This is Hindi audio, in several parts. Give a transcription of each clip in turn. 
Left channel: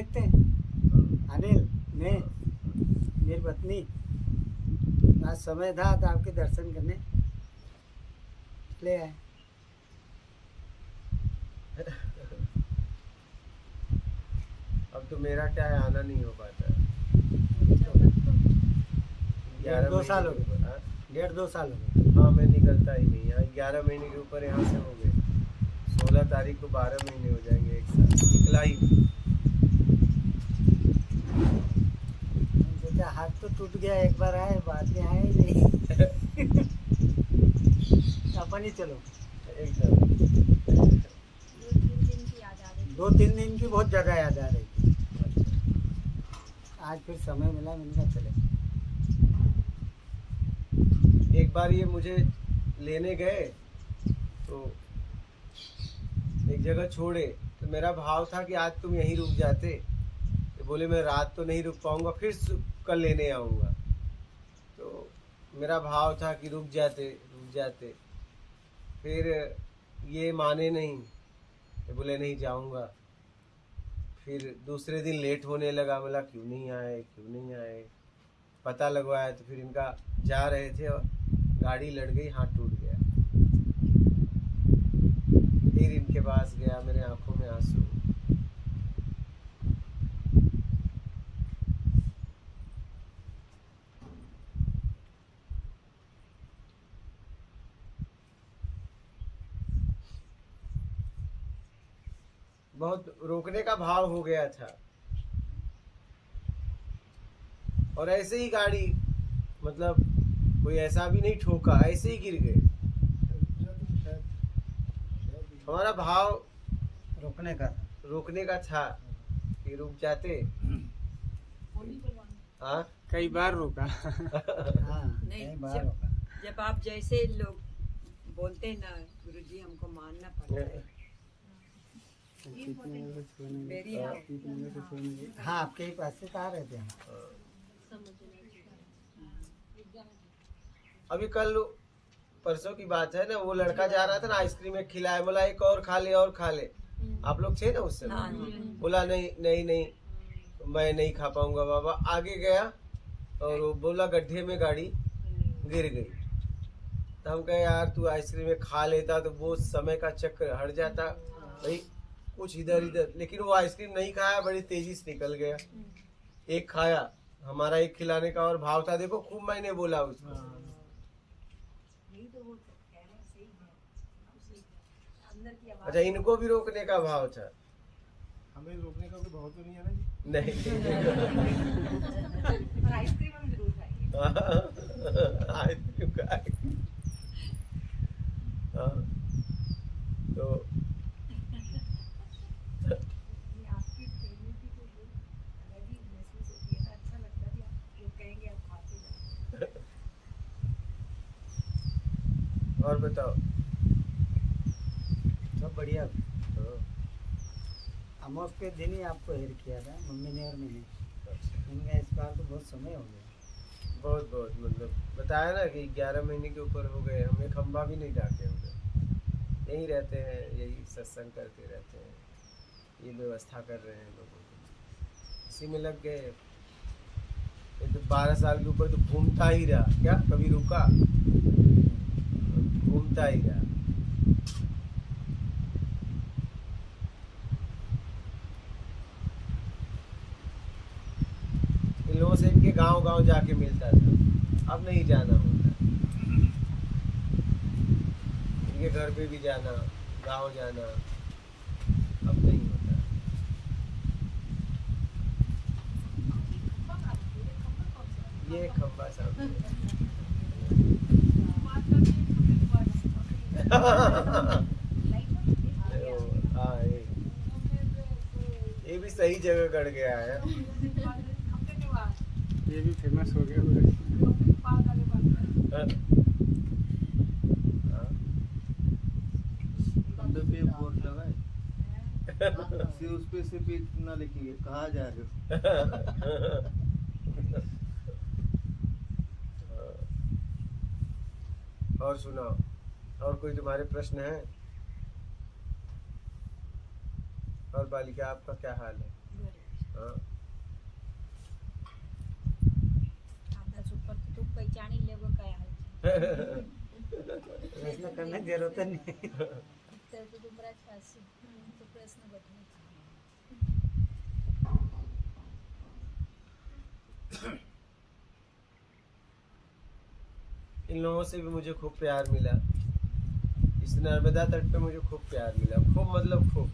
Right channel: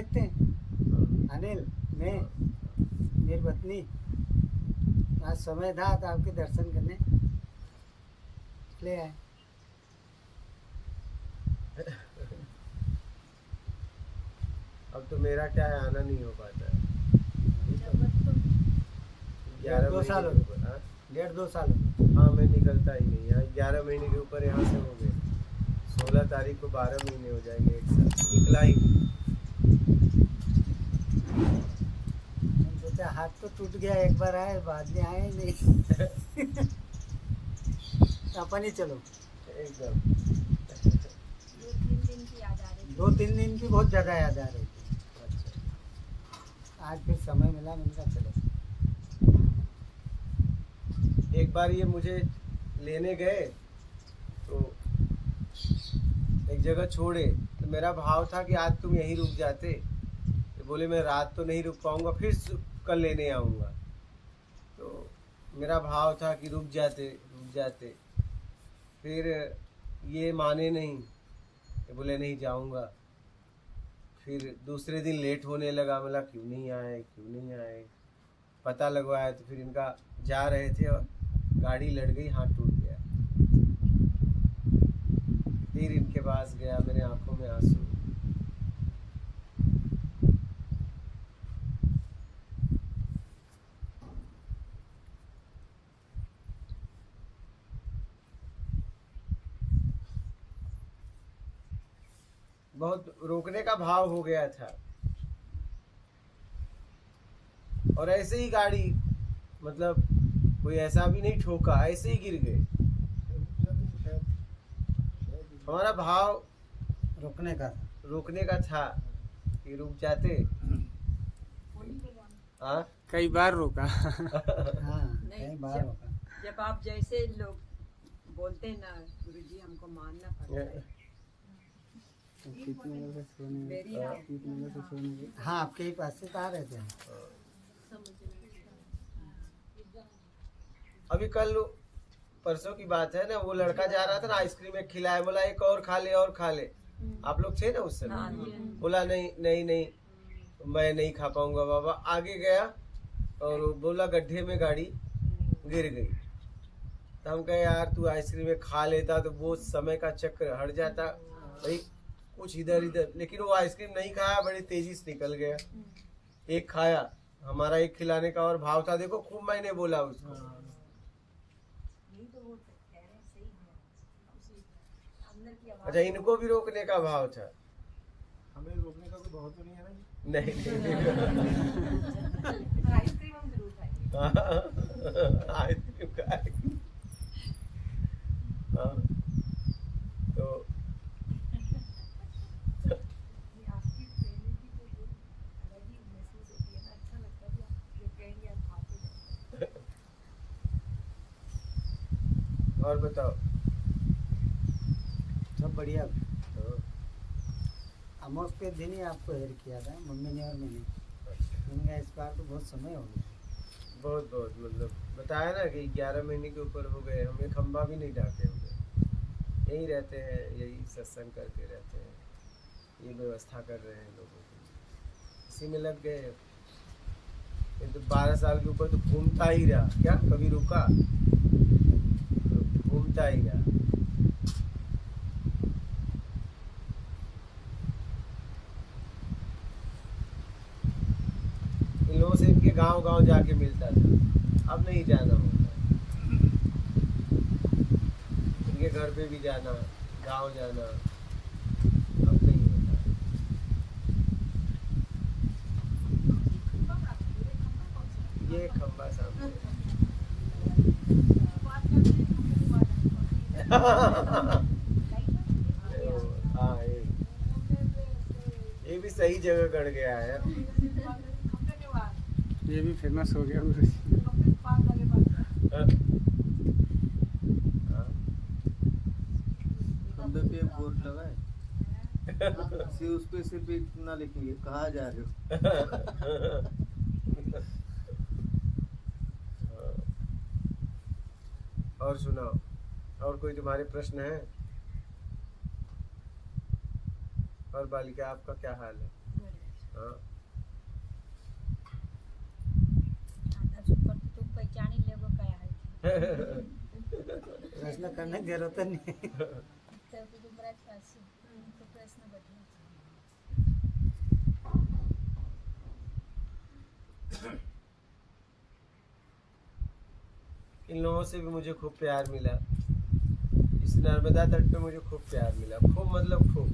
देखते हैं। अनिल, मैं, मेरी पत्नी, आज समय था तो आपके दर्शन करने ले आए। अब तो मेरा क्या है, आना नहीं हो पाता है। डेढ़ 11 दो महीने साल हो के गए, ऊपर। हाँ 1.5-2 साल हो गए। हाँ, मैं निकलता ही नहीं यहाँ। 11 महीने के ऊपर यहाँ से हो गए। 16 तारीख को 12 महीने हो जाएंगे, एक साल निकला ही नहीं। मैंने सोचा हाथ तो टूट गया, एक बार आए, बाद में आए ही नहीं। अपन ही चलो। एकदम 2-3 दिन की याद आ रही थी। 2-3 दिन की बहुत ज़्यादा याद आ रही थी। अच्छा। आज फिर समय मिला, मैंने कहा चले। एक बार ये मुझे लेने गए तो एक जगह छोड़े, तो मेरा भाव था कि आज तुम यहीं रुक जाते। तो बोले मैं रात तो नहीं रुक पाऊंगा, फिर कल लेने आऊँगा। तो मेरा भाव था कि रुक जाते। फिर ये माने नहीं, ये बोले नहीं जाऊंगा। फिर दूसरे दिन लेट होने लगा, बोला क्यों नहीं आए। पता लगवाया तो फिर इनका जा रहे थे और गाड़ी लड़ गई, हाथ टूट गया। फिर इनके पास गया, मेरे आंखों में आंसू। बहुत रोकने का भाव हो गया था। और ऐसे ही गाड़ी, मतलब कोई ऐसा भी नहीं ठोका, ऐसे ही गिर गए। हमारा भाव रोकने का था। था कि रुक जाते। हाँ कई बार रोका। हाँ, नहीं, कई बार रोका। जब आप जैसे लोग बोलते हैं ना, गुरुजी हमको मानना पड़ता है। वेरी हाँ, आपके ही पास से तो आ रहे थे हम। अभी कल परसों की बात है ना, वो लड़का जा रहा था ना, आइसक्रीम एक खिलाया, बोला एक और खा ले। आप लोग थे ना उस समय। बोला नहीं मैं नहीं खा पाऊंगा बाबा। आगे गया और वो बोला गड्ढे में गाड़ी गिर गई। तो हम कहे यार तू आइसक्रीम में खा लेता तो वो समय का चक्र हट जाता भाई, कुछ इधर। लेकिन वो आइसक्रीम नहीं खाया, बड़ी तेजी से निकल गया। एक खाया, हमारा एक खिलाने का और भाव था। देखो खूब मैंने बोला उसको। अच्छा, इनको भी रोकने का भाव था। हमें रोकने का कोई भाव तो नहीं है ना जी? नहीं आइसक्रीम हम जरूर खाएंगे। आइसक्रीम खाएंगे। हाँ, तो आपकी ट्रेनिंग की तो अलग ही महसूस होती है ना, अच्छा लगता है भी आप लोग कहेंगे आप खाते जाएंगे। और बताओ। सब बढ़िया। हाँ, अमोस के दिन ही आपको हेल्प किया था मम्मी ने और मैंने। अच्छा। मैंने कहा इस बार तो बहुत समय हो गया। बहुत मतलब बताया ना कि 11 महीने के ऊपर हो गए, हमें खंबा भी नहीं ढाके हुए। यहीं रहते हैं, यही सत्संग करते रहते हैं, ये व्यवस्था कर रहे हैं लोगों की, इसी में लग गए। ये तो 12 साल के ऊपर तो घूमता ही रहा, क्या कभी रुका? घूमता ही रहा। इन लोगों से इनके गांव जाके मिलता था, अब नहीं जाना होता। इनके घर पे भी जाना, गांव जाना अब नहीं होता। ये खंबा सामने हाँ, ये भी सही जगह गड़ गया है। ये भी फेमस हो गया। खंबे पे बोर्ड लगा है, उस पे सिर्फ एक ना लिखेंगे कहाँ जा रहे हो। और सुनाओ, और कोई तुम्हारे प्रश्न है? और बालिका आपका क्या हाल है? प्रश्न करने की जरूरत नहीं। तर तो बराच फास्ट तो प्रश्न बदलू इन लोगों से भी मुझे खूब प्यार मिला। इस नर्मदा तट पे मुझे खूब प्यार मिला, खूब मतलब खूब।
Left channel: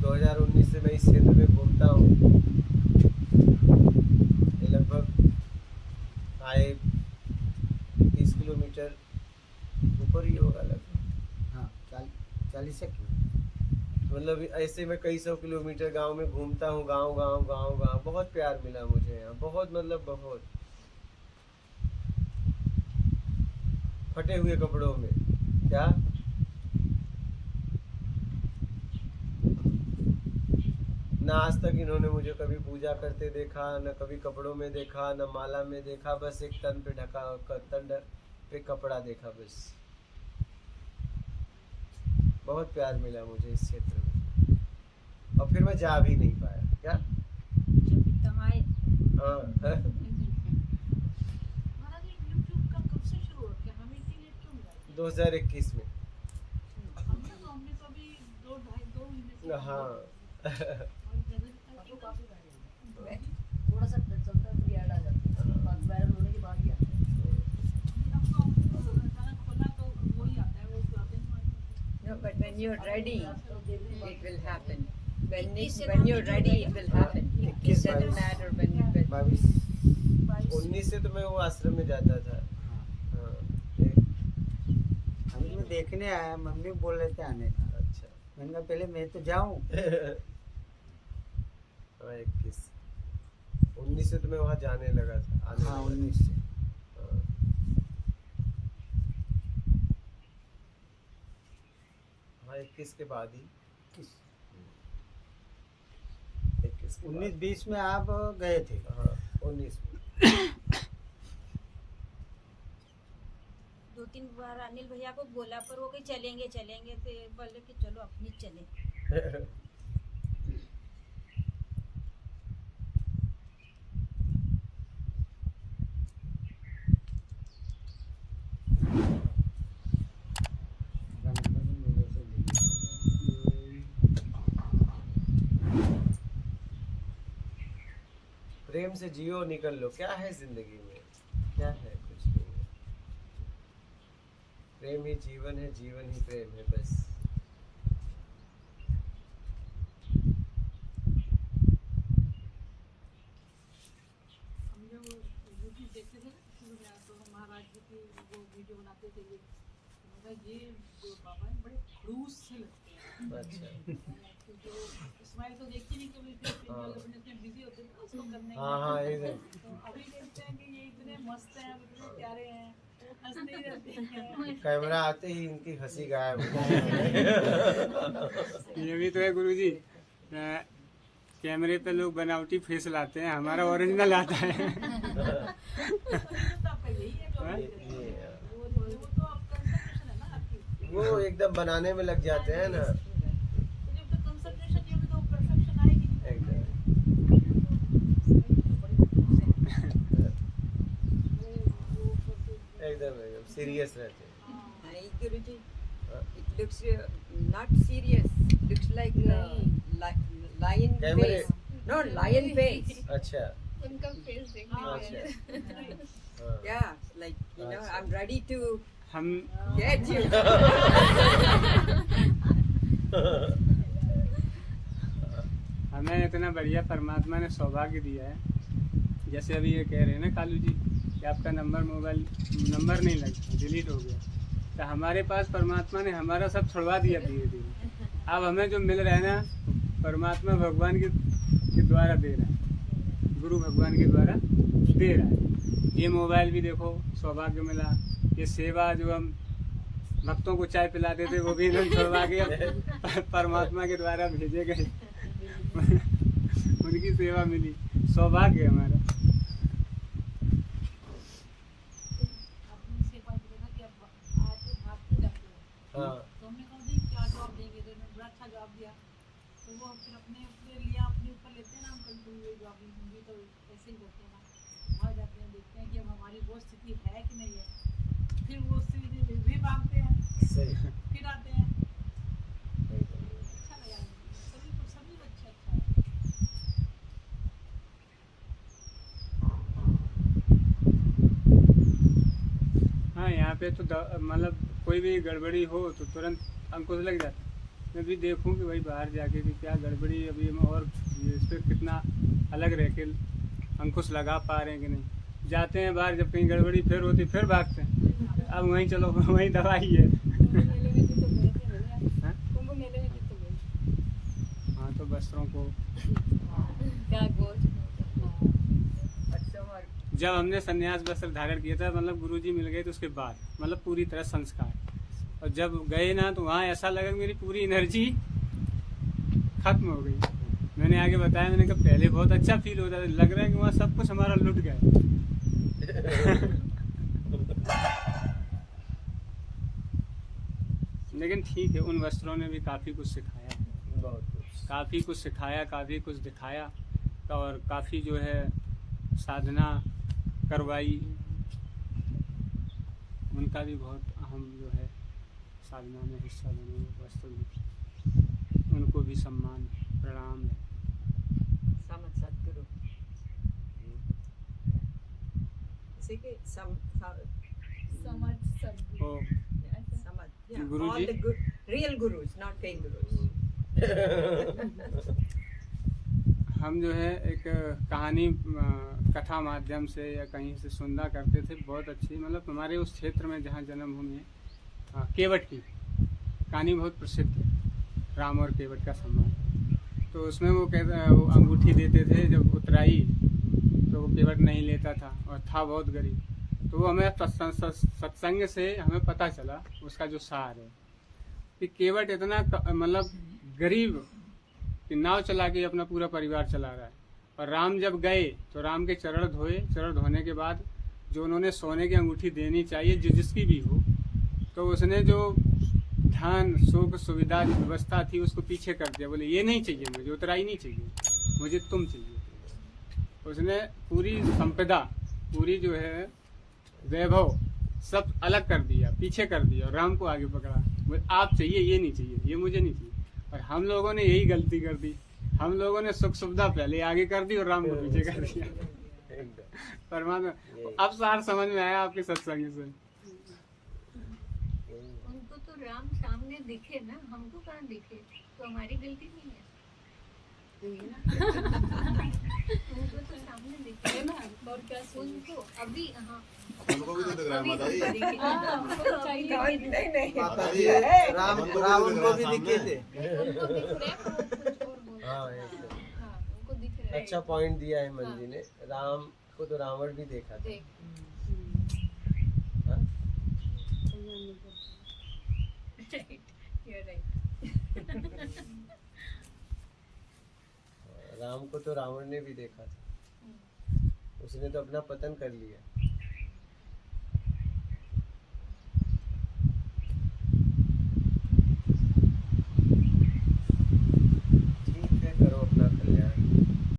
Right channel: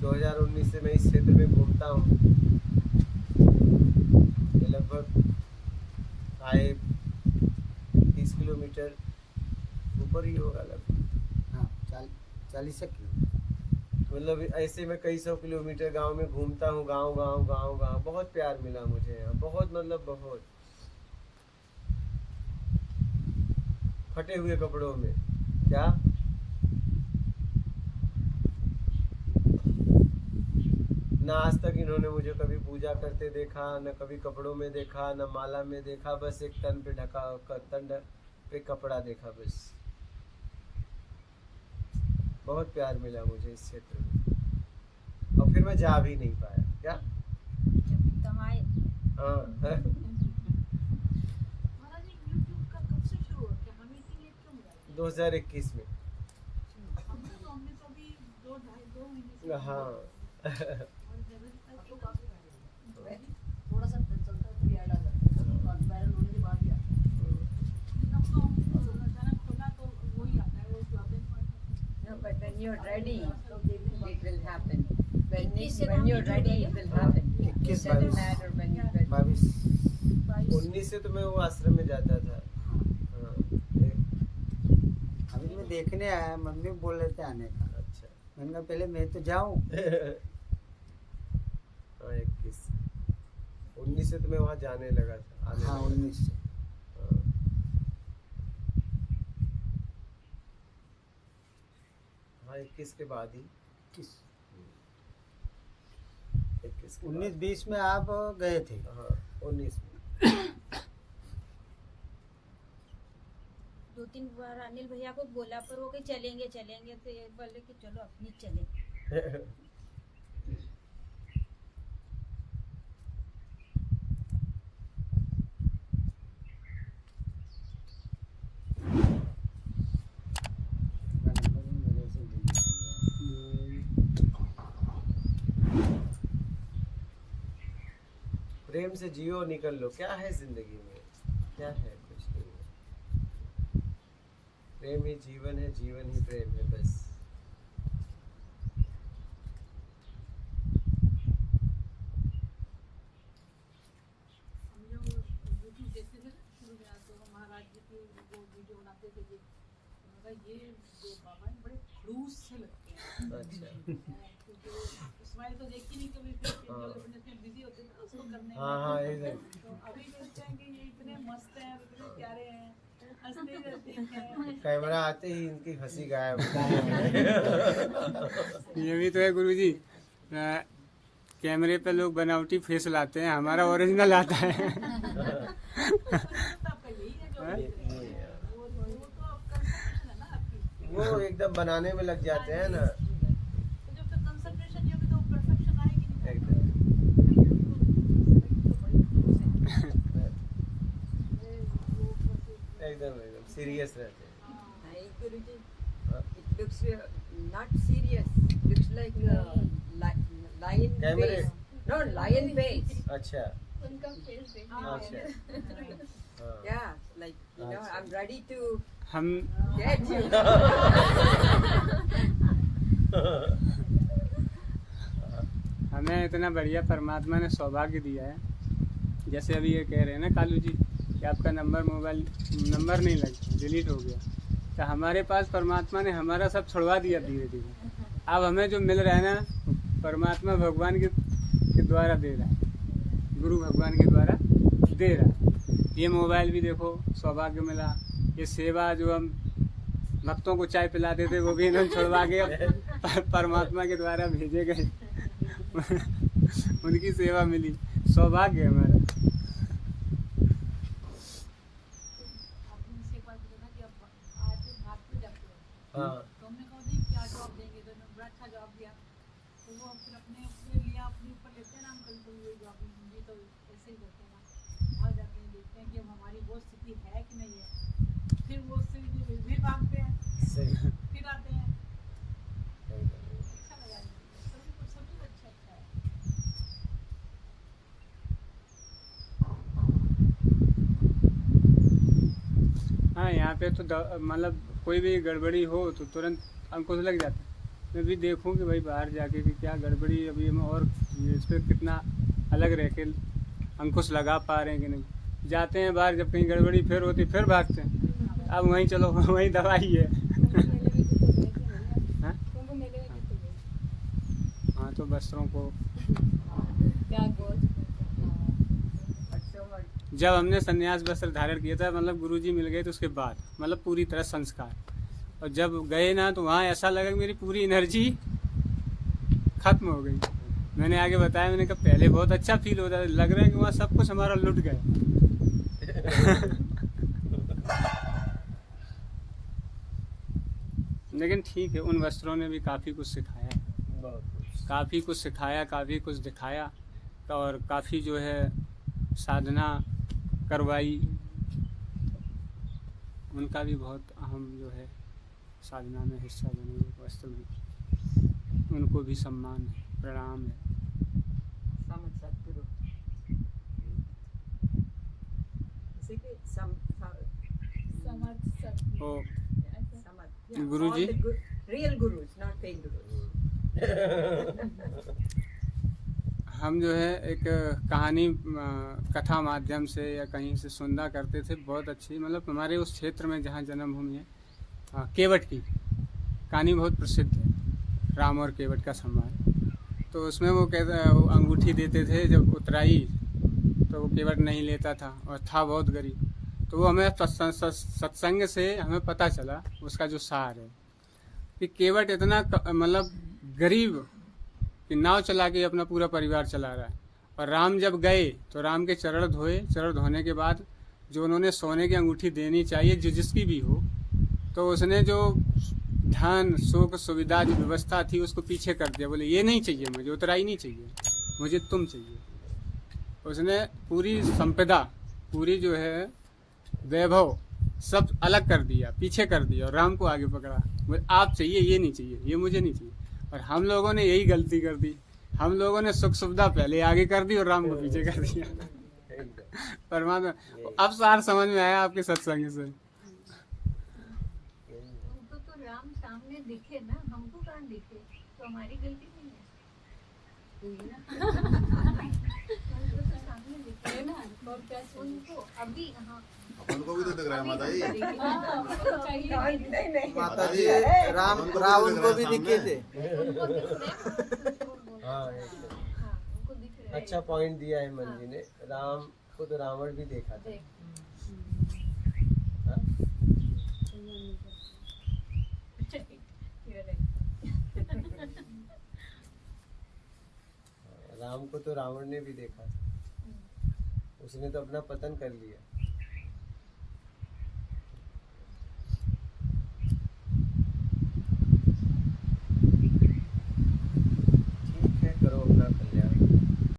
2019 से मैं इस क्षेत्र में घूमता हूँ। ये लगभग आए 30 किलोमीटर ऊपर ही होगा लगभग। हाँ 40 मतलब ऐसे मैं कई सौ किलोमीटर गांव में घूमता हूँ, गांव गांव गांव गांव। बहुत प्यार मिला मुझे यहाँ, बहुत मतलब बहुत। फटे हुए कपड़ों में क्या ना आज तक इन्होंने मुझे कभी पूजा करते देखा, न कभी कपड़ों में देखा, न माला में देखा। बस एक तन पे ढका तन पे कपड़ा देखा बस। बहुत प्यार मिला मुझे इस क्षेत्र में, और फिर मैं जा भी नहीं पाया। क्या जब तम आए हाँ महाराज ये यूट्यूब का कब से शुरू हो गया? हमें इतनी लेट क्यों मिला? 2021 में। हमने तो अभी 2 महीने से हाँ और आपको काफी थोड़ा सा चलता है फिर ऐड आ जाता है, बात वायरल होने के बाद ही आता है। अब तो अचानक खोला तो वही आता है, वो आते हैं। No, but when you're ready, it will happen. When, इक्कीस से when you're complete हो ready, गया it will हाँ। happen. It 21, doesn't 22, matter when 22। 19 से तो मैं वो आश्रम में जाता था। हाँ अभी मैं देखने आया, मम्मी बोल रहे थे आने का। अच्छा मैंने कहा पहले मैं तो जाऊं। हाँ 21 19 से तो मैं वहाँ जाने लगा था, आने हाँ लगा 19 से। था। हाँ 21 के बाद ही, 21 के बाद। 19-20 में आप गए थे। हाँ 19 में। 2-3 बार अनिल भैया को बोला, पर वो कहीं चलेंगे चलेंगे, तो ये बोले कि चलो अपनी चले। मेरा नंबर ही मेरे से डिलीट हो प्रेम से जियो, निकल लो। क्या है जिंदगी में, क्या है? कुछ नहीं है। प्रेम ही जीवन है, जीवन ही प्रेम है बस। हम जब यूट्यूब देखते थे ना शुरू में, तो महाराज जी की वो वीडियो बनाते थे ये, तो मैं कहा ये जो बाबा हैं बड़े खड़ूस से लगते हैं। अच्छा तो जो स्माइल तो देखी नहीं कभी, फिर हाँ। अपने इतने बिजी होते थे ना उसको करने हाँ में। हाँ एकदम। तो अभी देखते हैं कि ये इतने मस्त हैं, इतने प्यारे हैं, हंसते ही रहते हैं। कैमरा आते ही इनकी हंसी गायब हो ये भी तो है गुरुजी, कैमरे पे लोग बनावटी फेस लाते हैं, हमारा ओरिजिनल आता है। तो आपका यही है जो ये- देख रहे हैं। ये- वो तो आप कंसंट्रेशन है ना आपकी। वो एकदम बनाने में लग जाते हैं ना तो जब तक कंसंट्रेशन नहीं होगी तो परफेक्शन आएगी नहीं। एकदम। एकदम एकदम सीरियस रहते हैं। नहीं गुरुजी, हाँ। it looks not serious. Looks like lion Camera- face. No, lion face. अच्छा उनका फेस देख हाँ, अच्छा right. हाँ। Yeah, like you know, अच्छा। I'm ready to हम get you. हमें इतना बढ़िया परमात्मा ने सौभाग्य दिया है। जैसे अभी ये कह रहे हैं ना कालू जी कि आपका मोबाइल नंबर नहीं लगा, डिलीट हो गया, तो हमारे पास परमात्मा ने हमारा सब छुड़वा दिया धीरे धीरे। अब हमें जो मिल रहा है ना, परमात्मा भगवान के द्वारा दे रहा है, गुरु भगवान के द्वारा दे रहा है। ये मोबाइल भी देखो सौभाग्य मिला, ये सेवा जो हम भक्तों को चाय पिलाते थे वो भी एकदम सौभाग्य परमात्मा के द्वारा भेजे गए। उनकी सेवा मिली, सौभाग्य है हमारा। आपने उनसे एक बार बोला ना कि आप आज भागते जाते हो, हाँ तो हमने कहा नहीं क्या जवाब देंगे, तो उन्होंने बड़ा अच्छा जवाब दिया। तो वो फिर अपने लिए अपने ऊपर लेते हैं ना, हम कल को ये जवाब भी तो ऐसे ही करते हैं ना। वहाँ जाते हैं, देखते हैं कि अब हमारी वो स्थिति है कि नहीं है, फिर वो स्थिति भी भागते हैं, सही फिर आते हैं। सही बात है। अच्छा लगा सभी को, सभी को अच्छा अच्छा है। हाँ, यहाँ पे तो मतलब कोई भी गड़बड़ी हो तो तुरंत अंकुश लग जाता है। मैं भी देखूँ कि भाई बाहर जाके कि क्या गड़बड़ी अभी हम और इस पर कितना अलग रह के अंकुश लगा पा रहे हैं कि नहीं। जाते हैं बाहर, जब कहीं गड़बड़ी फिर होती फिर भागते हैं। अब वहीं चलो, वहीं दवाई है। हाँ? हाँ, तो वस्त्रों को जब हमने संन्यास वस्त्र धारण किया था, मतलब गुरुजी मिल गए तो उसके बाद मतलब पूरी तरह संस्कार, और जब गए ना तो वहाँ ऐसा लगा कि मेरी पूरी एनर्जी खत्म हो गई। मैंने आगे बताया, मैंने कहा पहले बहुत अच्छा फील होता है, लग रहा है कि वहाँ सब कुछ हमारा लुट गया। लेकिन ठीक है, उन वस्त्रों ने भी काफ़ी कुछ सिखाया है, बहुत कुछ। काफ़ी कुछ सिखाया, काफ़ी कुछ दिखाया, और काफ़ी जो है साधना करवाई। उनका भी बहुत अहम जो है साधना में हिस्सा बने हुए वस्त्र में, उनको भी सम्मान है, प्रणाम है। समझ सतगुरु इसी के समझ सकती ओ समझ गुरुजी? Real gurus, not fake gurus. हम जो है एक कहानी कथा माध्यम से या कहीं से सुनना करते थे, बहुत अच्छी, मतलब हमारे उस क्षेत्र में जहाँ जन्मभूमि है, केवट की कहानी बहुत प्रसिद्ध है, राम और केवट का संवाद। तो उसमें वो कहता, वो अंगूठी देते थे, जब उतराई तो वो केवट नहीं लेता था और था बहुत गरीब। तो वो हमें सत्संग से हमें पता चला उसका जो सार है कि केवट इतना मतलब गरीब कि नाव चला के अपना पूरा परिवार चला रहा है। और राम जब गए तो राम के चरण धोए, चरण धोने के बाद जो उन्होंने सोने की अंगूठी देनी चाहिए जो जिसकी भी हो, तो उसने जो धन सुख सुविधा जो व्यवस्था थी उसको पीछे कर दिया। बोले ये नहीं चाहिए मुझे, उतराई नहीं चाहिए, मुझे तुम चाहिए। उसने पूरी संपदा, पूरी जो है वैभव सब अलग कर दिया, पीछे कर दिया, और राम को आगे पकड़ा। बोले आप चाहिए, ये नहीं चाहिए, ये मुझे नहीं चाहिए। और हम लोगों ने यही गलती कर दी, हम लोगों ने सुख सुविधा पहले आगे कर दी और राम को पीछे कर दिया। परमात्मा, अब सार समझ में आया आपके सत्संग से। उनको तो राम सामने दिखे ना, हमको कहाँ दिखे, तो हमारी गलती नहीं है। उनको तो सामने दिखे ना, और क्या उनको अभी, हाँ उनको भी तो दिख रहा है माता जी। नहीं माता जी, रावण को भी दिखे थे। हाँ, उनको दिख रहा है। अच्छा पॉइंट दिया है मंजी ने, राम को तो रावण भी देखा था। हाँ? राम को तो रावण ने भी देखा था, उसने तो अपना पतन कर लिया।